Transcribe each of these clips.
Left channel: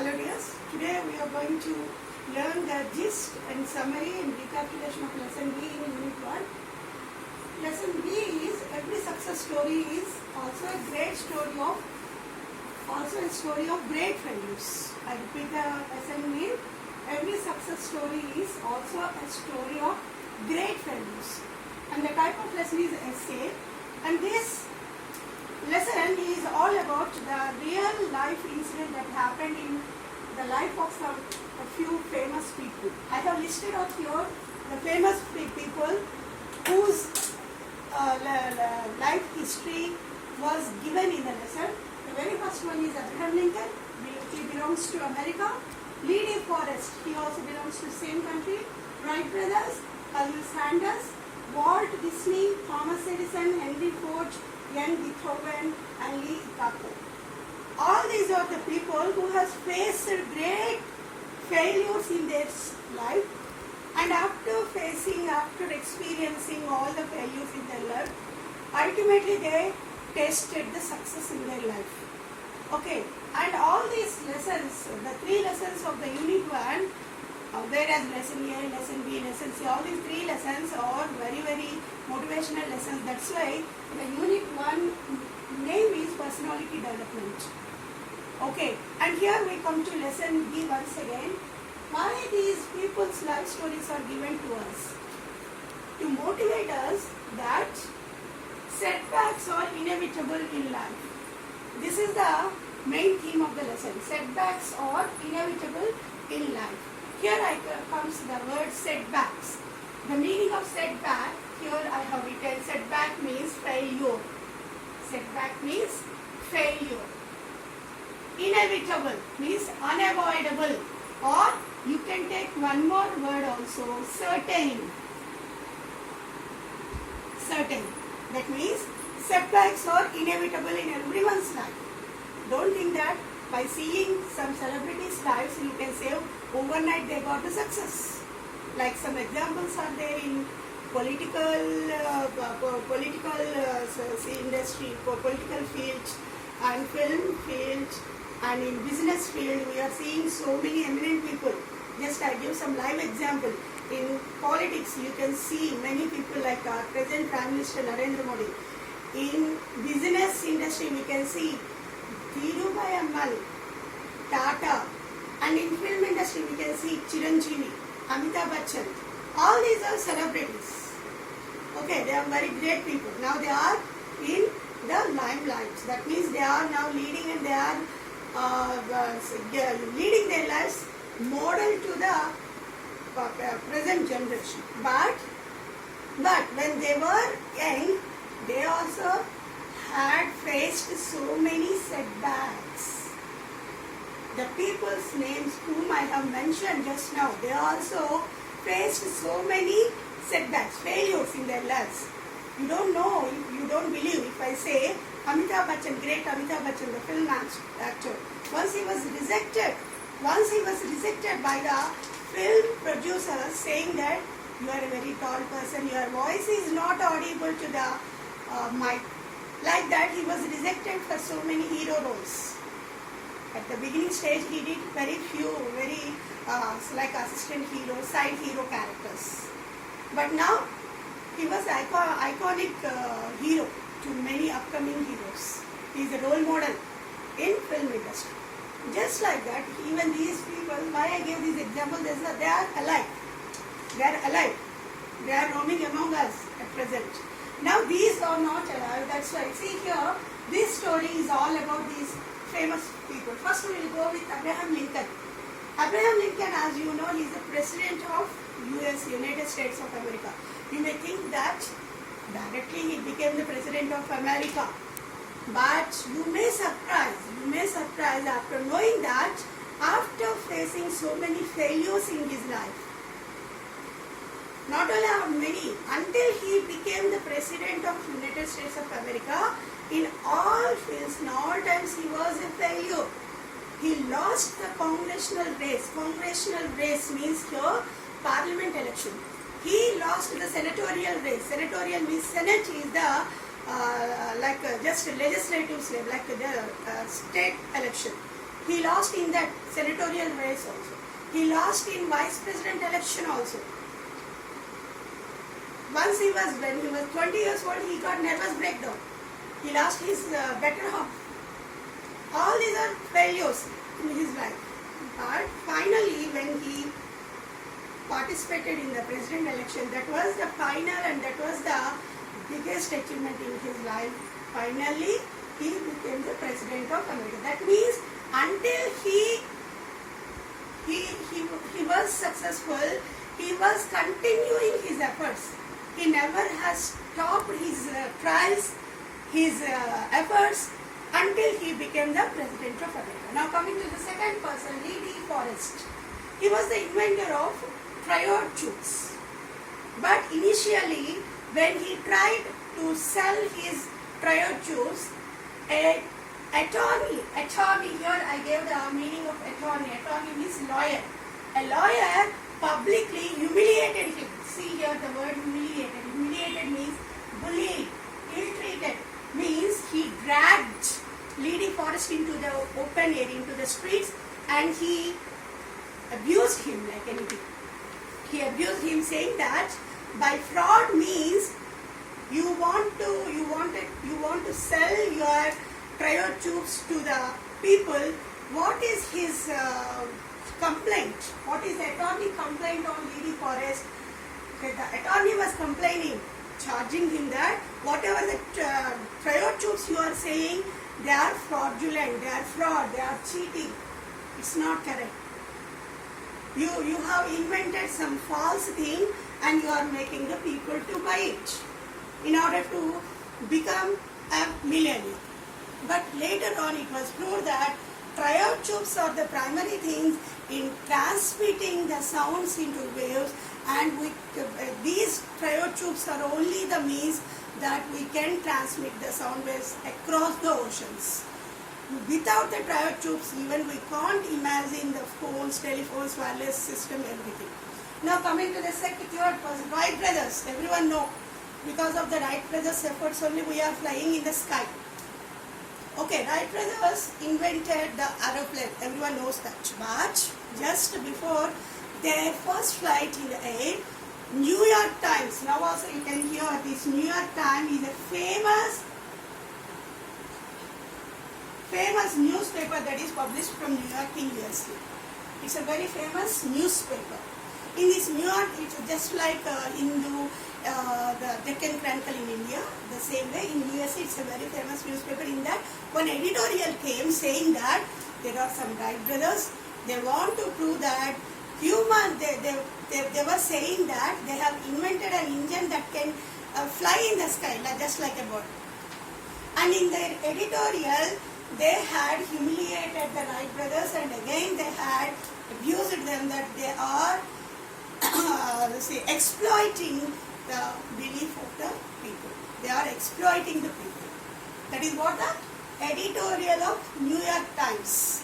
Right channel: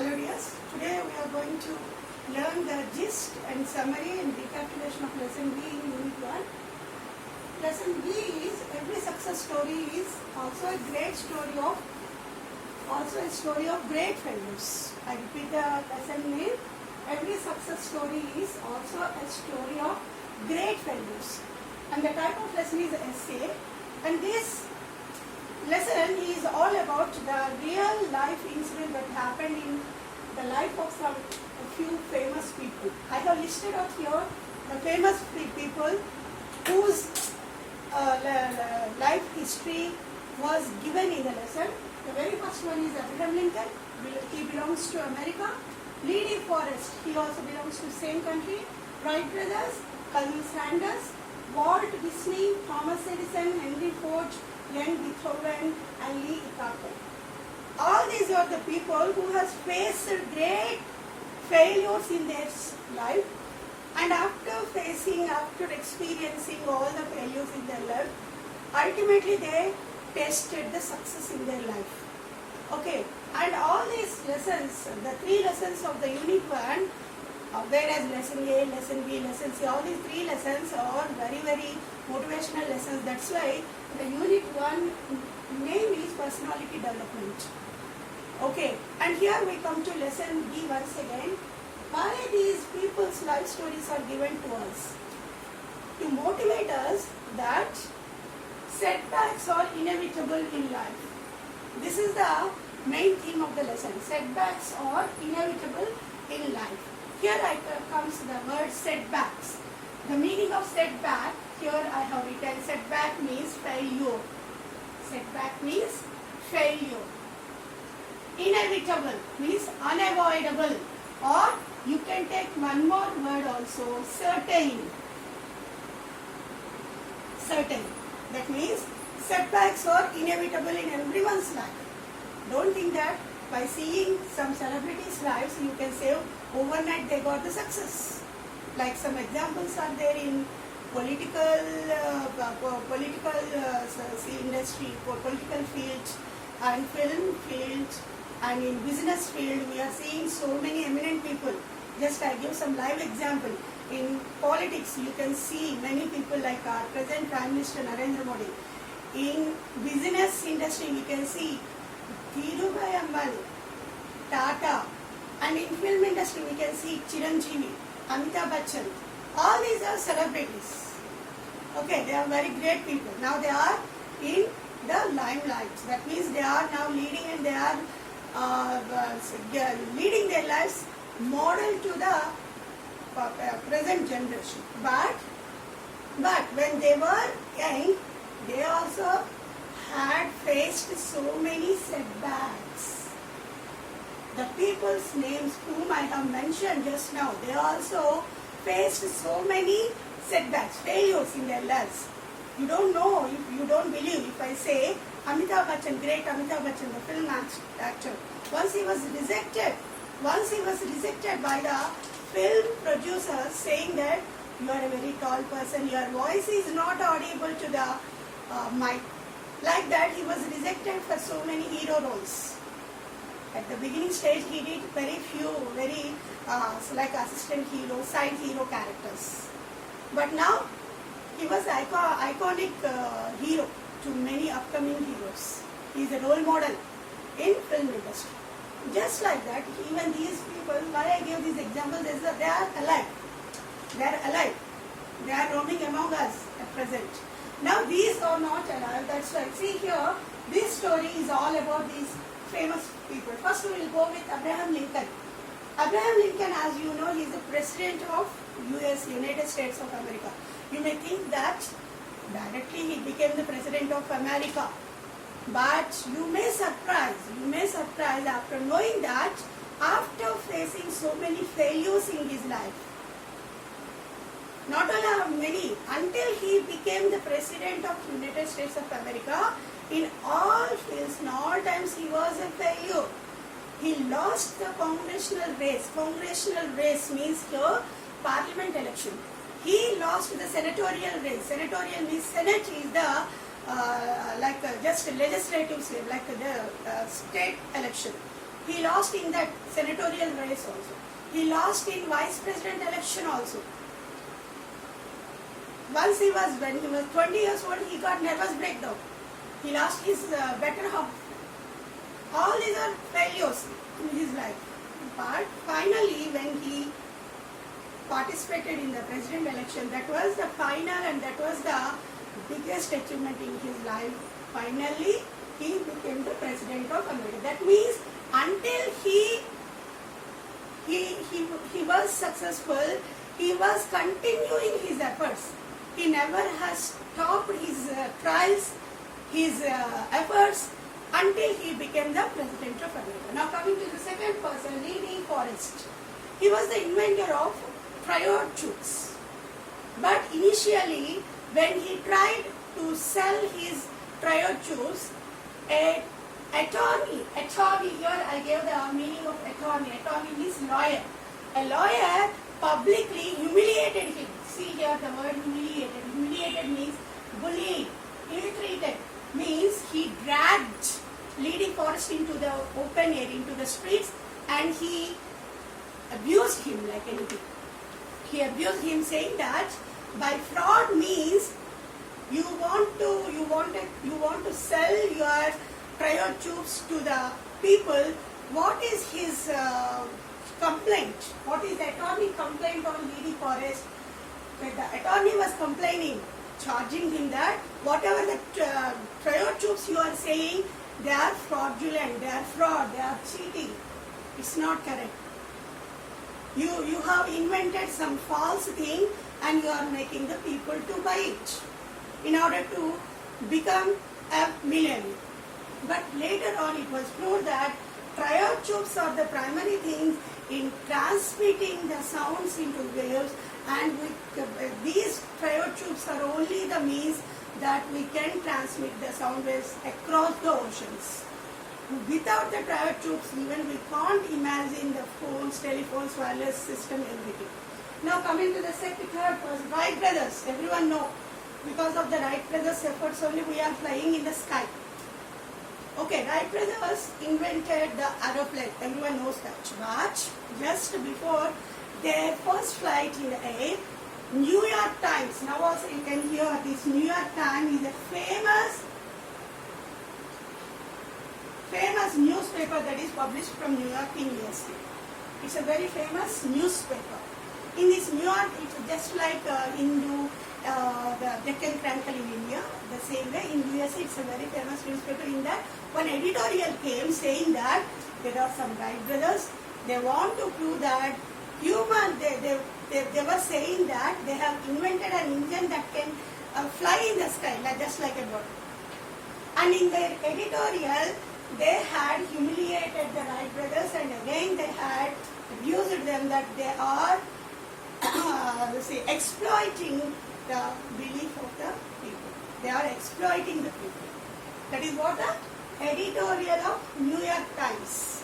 Hello dears, today we are going to learn the gist and summary and recapitulation of lesson B in unit 1. Lesson B is every success story is also a story of great failures. I repeat the lesson name. Every success story is also a story of great failures. And the type of lesson is essay. And this lesson is all about the real life incident that happened in the life of a few famous people. I have listed out here the famous people whose life history was given in the lesson. The very first one is Abraham Lincoln. He belongs to America. Lee De Forest, he also belongs to the same country. Wright brothers, Colonel Sanders, Walt Disney, Thomas Edison, Henry Ford, Young Beethoven, and Lee Iacocca. All these are the people who have faced great failures in their life, and after experiencing all the failures in their life, ultimately they tasted the success in their life. Okay, and all these lessons, the three lessons of the unit 1, whereas lesson A, lesson B, lesson C, all these three lessons are very, very motivational lessons. That's why the unit 1 name is personality development. Okay, and here we come to lesson B once again. Why these people's life stories are given to us? To motivate us that setbacks are inevitable in life. This is the main theme of the lesson. Setbacks are inevitable in life. Here comes the word setbacks. The meaning of setback, here I have written setback means failure. Setback means failure. Inevitable means unavoidable, or you can take one more word also, certain. Certain. That means setbacks are inevitable in everyone's life. Don't think that by seeing some celebrities' lives you can say overnight they got the success. Like some examples are there in political industry, political field, and film field, and in business field. We are seeing so many eminent people. Just I give some live example. In politics, you can see many people like our present Prime Minister Narendra Modi. In business industry, we can see Dhirubhai Ambani, Tata, and in film industry, we can see Chiranjeevi, Amitabh Bachchan. All these are celebrities. Okay, they are very great people. Now they are in the limelight. That means they are now leading, and they are leading their lives model to the present generation. But when they were young, they also had faced so many setbacks. The people's names whom I have mentioned just now, they also faced so many setbacks, failures in their lives. You don't know, you don't believe if I say Amitabh Bachchan, great Amitabh Bachchan, the film actor. Once he was rejected by the film producers, saying that you are a very tall person, your voice is not audible to the mic. Like that, he was rejected for so many hero roles. At the beginning stage, he did very few, like assistant hero, side hero characters. But now, he was iconic hero to many upcoming heroes. He is a role model in film industry. Just like that, even these people, why I gave this example, they are alive. They are alive. They are roaming among us at present. Now these are not alive. That's why. See here, this story is all about these famous people. First we will go with Abraham Lincoln. Abraham Lincoln, as you know, he is the president of US, United States of America. You may think that directly he became the president of America. But you may surprise after knowing that after facing so many failures in his life. Not only many, until he became the president of United States of America, in all fields, in all times he was a failure. He lost the congressional race. Congressional race means here parliament election. He lost the senatorial race. Senatorial means Senate is the just legislative slave, like the state election. He lost in that senatorial race also. He lost in vice president election also. Once when he was 20 years old, he got nervous breakdown. He lost his better half. All these are failures in his life. But finally, when he participated in the president election, that was the final and that was the biggest achievement in his life. Finally, he became the president of America. That means until he was successful, he was continuing his efforts. He never has stopped his trials, his efforts until he became the president of America. Now coming to the second person, Lee D. Forrest. He was the inventor of triode tubes. But initially, when he tried to sell his triode tubes, a attorney, here I gave the meaning of attorney. Attorney means lawyer. A lawyer publicly humiliated him. See here the word humiliated. Humiliated means bullied, ill-treated. Means he dragged Lee D. Forrest into the open air, into the streets, and he abused him like anything. He abused him, saying that by fraud means you want to sell your triode tubes to the people. What is his complaint? What is the attorney complaint on Lee D. Forrest? The attorney was complaining, charging him that whatever the triode tubes you are saying, they are fraudulent, they are fraud, they are cheating. It's not correct. You have invented some false thing and you are making the people to buy it in order to become a millionaire. But later on it was proved that triode tubes are the primary things in transmitting the sounds into waves, and these triode tubes are only the means that we can transmit the sound waves across the oceans. Without the triode tubes, even we can't imagine the phones, telephones, wireless system, everything. Now coming to the third person, Wright brothers. Everyone know, because of the Wright brothers' efforts only we are flying in the sky. Okay, Wright brothers invented the aeroplane. Everyone knows that. But just before their first flight in the air, New York Times, now also you can hear this, New York Times is a famous newspaper that is published from New York in USA. It's a very famous newspaper. In this New York, it's just like Hindu, the Deccan Chronicle in India, the same way in USA it's a very famous newspaper. In that, one editorial came saying that there are some Wright brothers, they want to prove that they were saying that they have invented an engine that can fly in the sky, just like a bird. And in their editorial, they had humiliated the Wright brothers, and again they had abused them that they are exploiting the belief of the people. They are exploiting the people. That is what the editorial of New York Times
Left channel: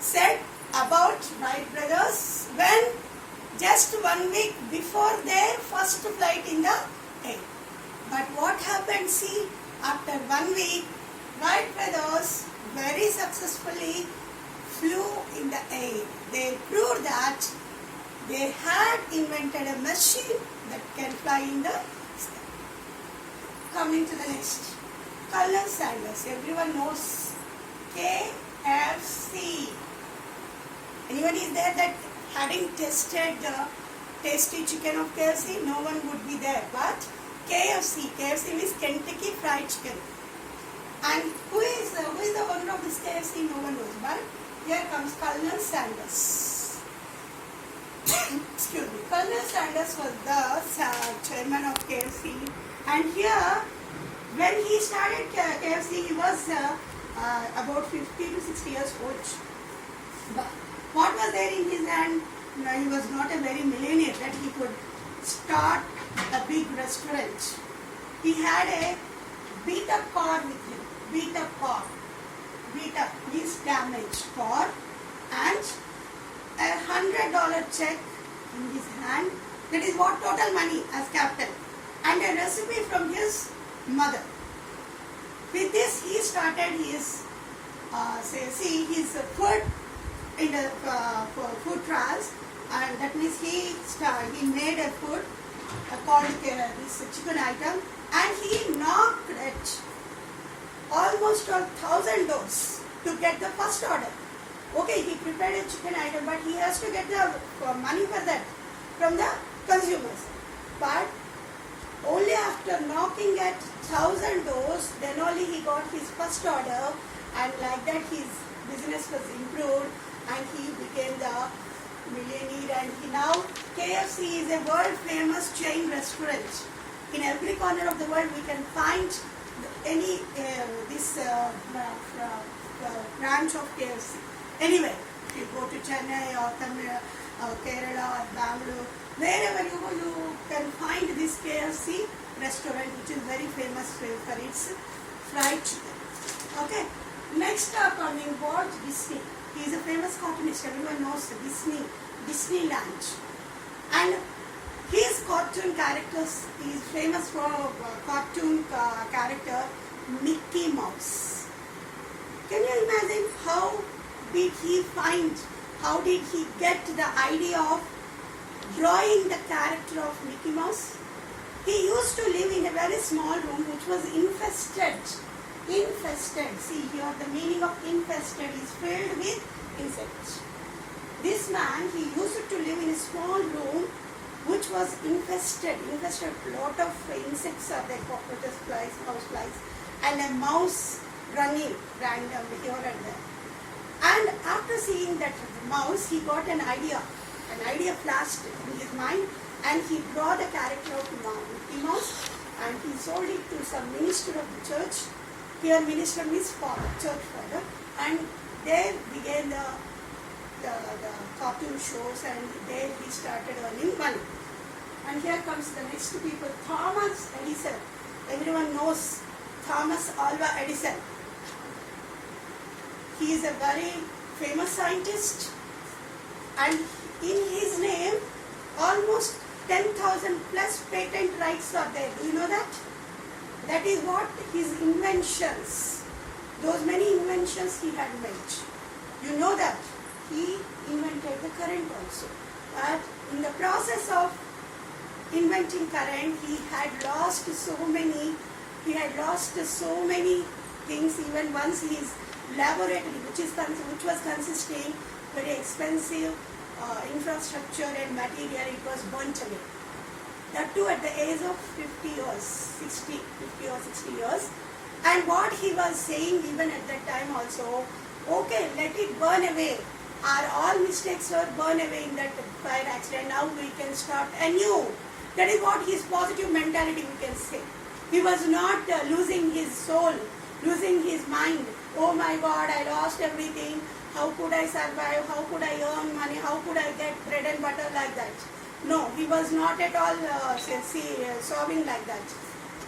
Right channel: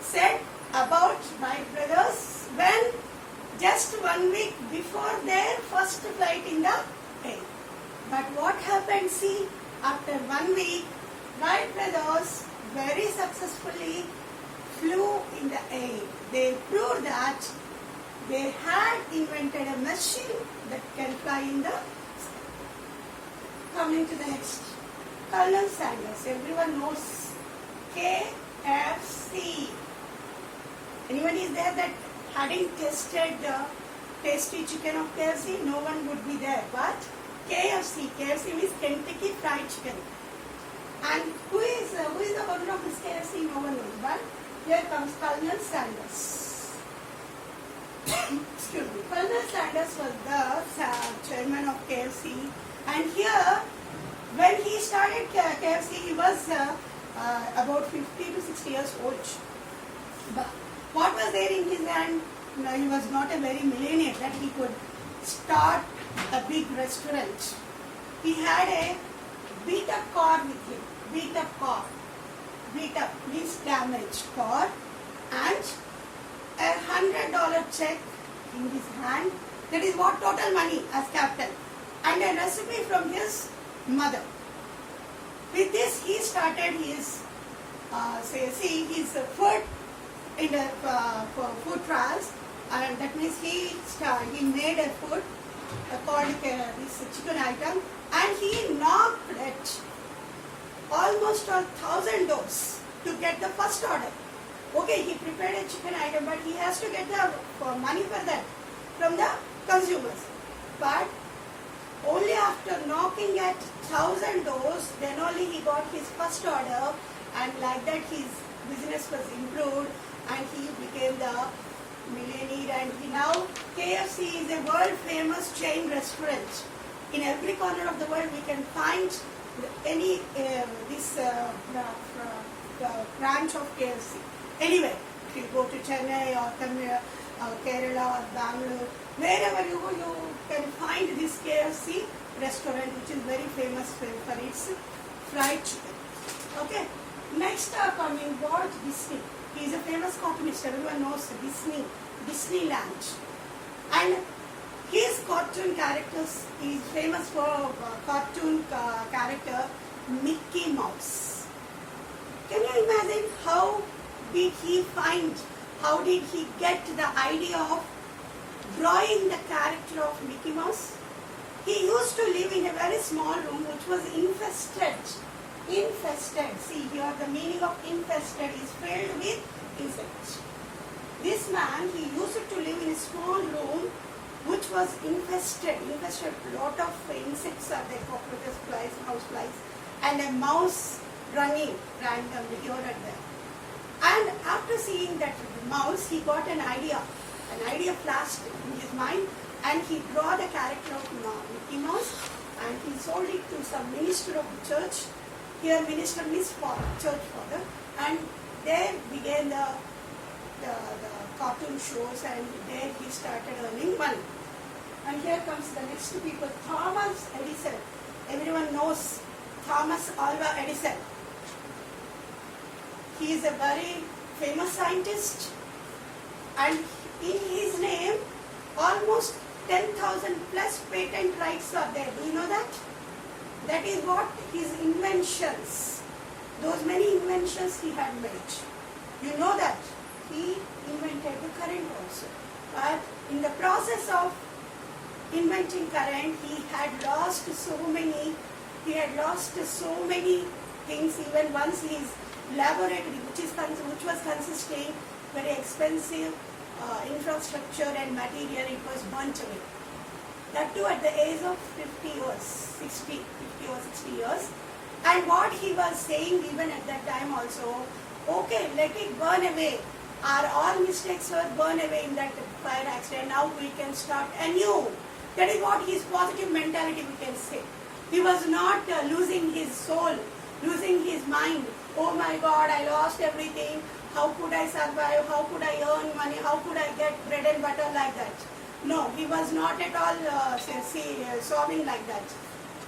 said about Wright brothers when just 1 week before their first flight in the air. But what happened? See, after 1 week, Wright brothers very successfully flew in the air. They proved that they had invented a machine that can fly in the sky. Coming to the next, Colonel Sanders. Everyone knows KFC. Anyone is there that hadn't tasted the tasty chicken of KFC? No one would be there. But KFC means Kentucky Fried Chicken. And who is the owner of this KFC? No one knows. But here comes Colonel Sanders. Excuse me. Colonel Sanders was the chairman of KFC. And here, when he started KFC, he was about 50 to 60 years old. But what was there in his hand? No, he was not a very millionaire that he could start a big restaurant. He had a beat up car with him. Beat up car. Beat up means damaged car, and a $100 check in his hand. That is what total money as captain. And a recipe from his mother. With this, he started his see his food in the for food trials, and that means he made a food called this chicken item, and he knocked at almost 1,000 doors to get the first order. Okay, he prepared a chicken item, but he has to get the money for that from the consumers. But only after knocking at 1,000 doors, then only he got his first order, and like that his business was improved and he became the millionaire. And now KFC is a world famous chain restaurant. In every corner of the world we can find any branch of KFC. Anyway, if you go to Chennai or Tamil or Kerala or Bangalore, wherever you go, you can find this KFC restaurant, which is very famous for its fried chicken. Okay. Next up coming Walt Disney. He is a famous cartoonist. Everyone knows Disneyland. And his cartoon characters, he is famous for cartoon character Mickey Mouse. Can you imagine how did he get the idea of drawing the character of Mickey Mouse? He used to live in a very small room which was infested. See here, the meaning of infested is filled with insects. This man, he used to live in a small room which was infested. A lot of insects are there, cockroaches, flies, house flies, and a mouse running randomly here and there. And after seeing that mouse, he got an idea. An idea flashed in his mind, and he drew the character of Mickey Mouse, and he sold it to some minister of the church. Here minister means father, church father, and there began the cartoon shows, and there he started earning money. And here comes the next people, Thomas Edison. Everyone knows Thomas Alva Edison. He is a very famous scientist, and in his name almost 10,000 plus patent rights are there. Do you know that? That is what his inventions, those many inventions he had made. You know that he invented the current also. But in the process of inventing current, he had lost so many things. Even once his laboratory, which was consisting very expensive infrastructure and material, it was burnt away. That too at the age of 50 or 60 years. And what he was saying even at that time also, okay, let it burn away. All mistakes were burned away in that fire accident. Now we can start anew. That is what his positive mentality we can say. He was not losing his soul, losing his mind. Oh my God, I lost everything. How could I survive? How could I earn money? How could I get bread and butter like that? No, he was not at all sobbing like that.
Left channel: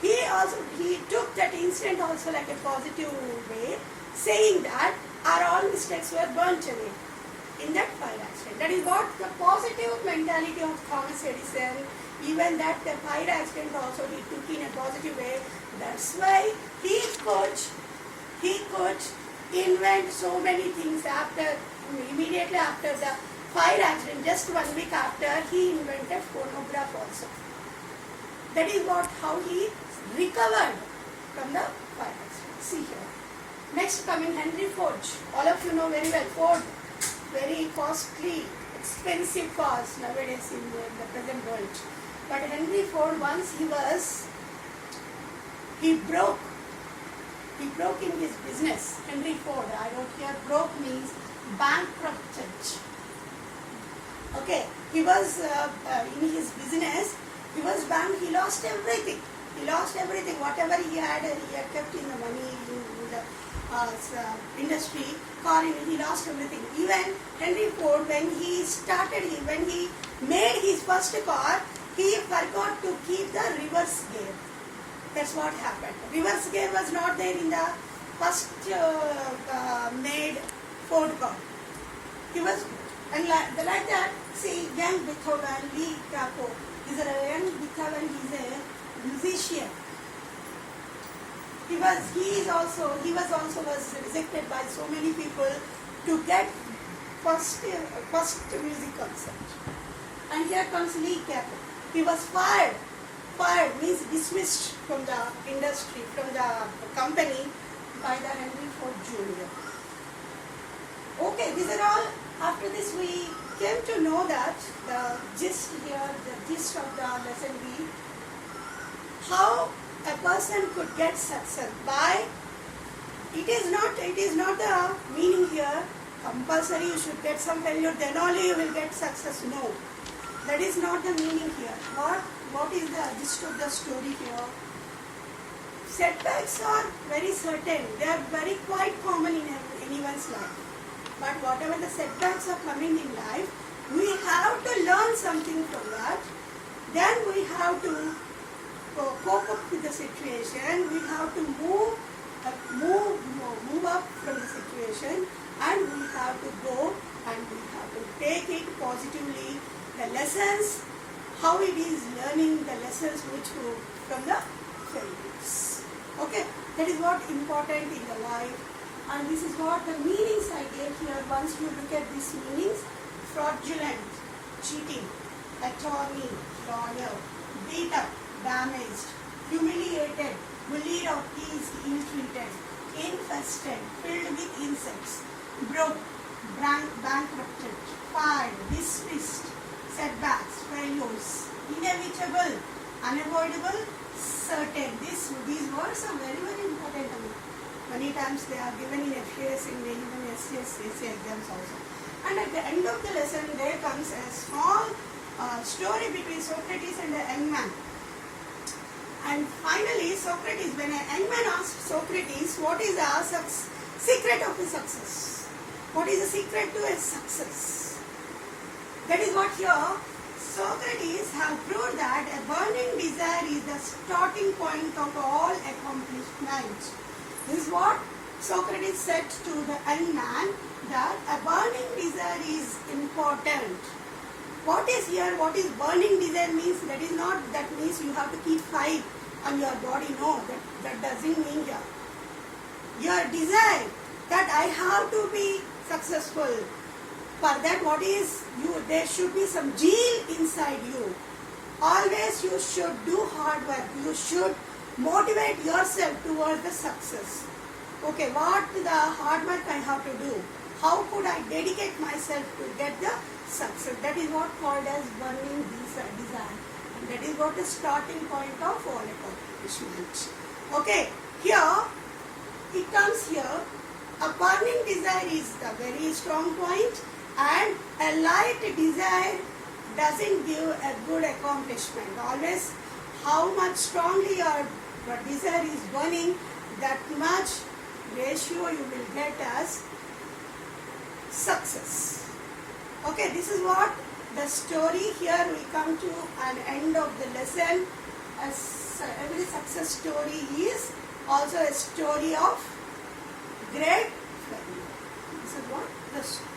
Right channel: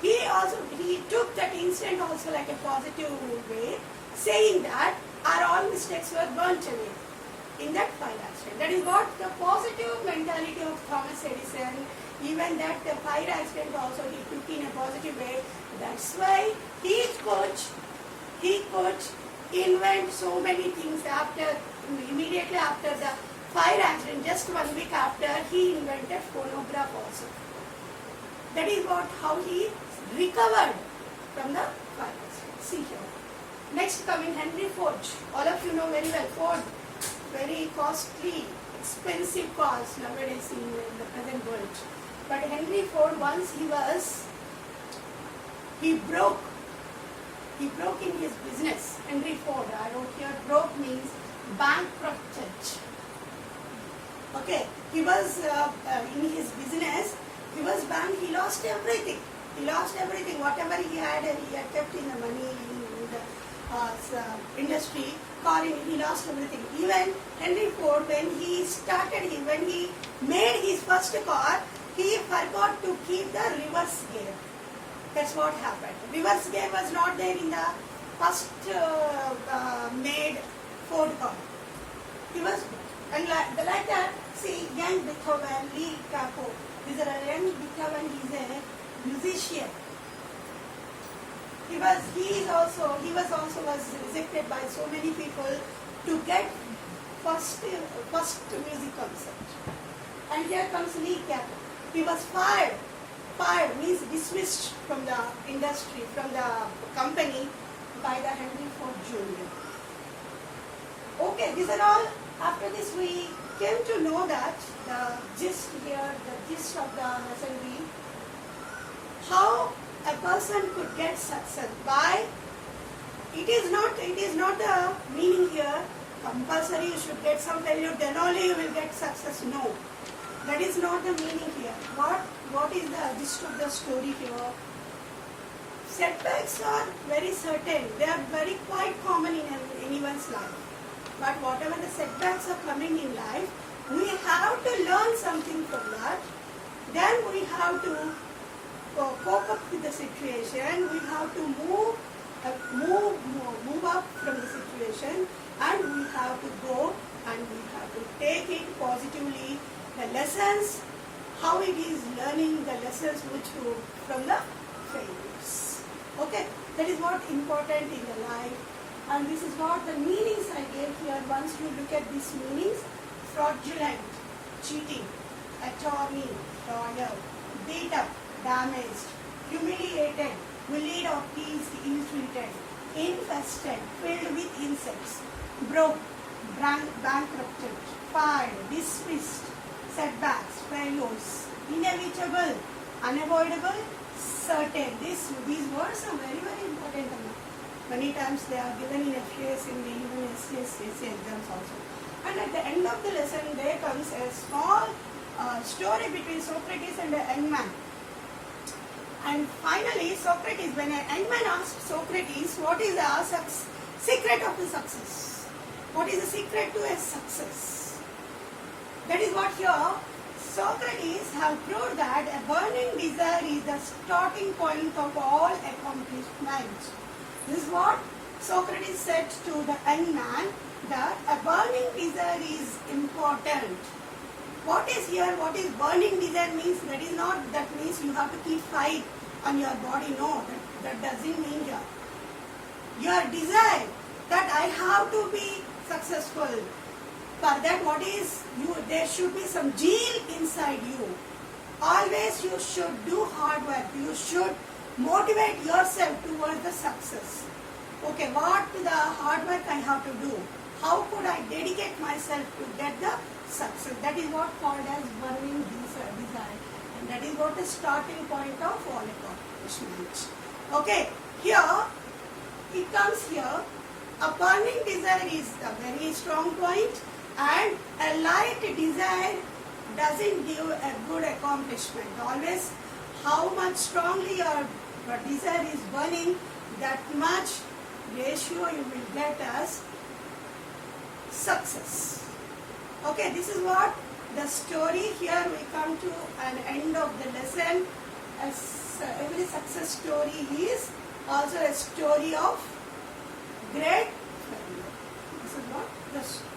He took that incident also like a positive way, saying that all mistakes were burnt away in that fire accident. That is what the positive mentality of Thomas Edison. Even that the fire accident also he took in a positive way. That's why he could invent so many things immediately after the fire accident. Just 1 week after, he invented phonograph also. That is how he recovered from the fire accident. See here. Next coming Henry Ford. All of you know very well Ford. Very costly, expensive cars nowadays in the present world. But Henry Ford, once he broke in his business. Henry Ford, I wrote here, broke means bankrupted. Okay, he was in his business, he was banked, he lost everything. Whatever he had kept in the money, in the industry, he lost everything. Even Henry Ford, when he made his first car, he forgot to keep the reverse gear. That's what happened. Reverse gear was not there in the first made Ford car. He was, and like that, see, young Beethoven, Lee Krakow, he's a young Beethoven, he's a musician. he was also rejected by so many people to get first music concert. And here comes Lee Capel. He was fired. Fired means dismissed from the industry, from the company by the Henry Ford Jr. Okay, these are all. After this, we came to know that the gist of the lesson be how a person could get success by. It is not the meaning here. Compulsory you should get some failure, then only you will get success. No, that is not the meaning here. What is the gist of the story here? Setbacks are very certain. They are very quite common in anyone's life. But whatever the setbacks are coming in life, we have to learn something from that. Then we have to cope up with the situation. We have to move up from the situation, and we have to go and we have to take it positively. The lessons, how it is learning the lessons which go from the failures. Okay, that is what important in the life, and this is what the meanings I gave here. Once you look at these meanings: fraudulent, cheating, attorney, honor, beat up, damaged, humiliated, bullied or teased, ill-treated, infested, filled with insects, broke, bankrupted, fired, dismissed, setbacks, failures, inevitable, unavoidable, certain. These words are very, very important. Many times they are given in FAS, in even SAS exams also. And at the end of the lesson, there comes a small story between Socrates and a young man. And finally, Socrates, when a young man asked Socrates, what is the secret of the success? What is the secret to a success? That is what here Socrates have proved that a burning desire is the starting point of all accomplishments. This is what Socrates said to the young man, that a burning desire is important. What is here? What is burning desire means? That means you have to keep fire on your body. No, that doesn't mean here. Your desire that I have to be successful. For that, there should be some zeal inside you. Always you should do hard work. You should motivate yourself towards the success. Okay, what the hard work I have to do? How could I dedicate myself to get the success? That is what called as burning desire. And that is what the starting point of all accomplishment. Okay, here, it comes here, a burning desire is a very strong point, and a light desire doesn't give a good accomplishment. Always, how much strongly your desire is burning, that much ratio you will get as success. Okay, this is what the story. Here we come to an end of the lesson. As every success story is also a story of great failure. This is what the story.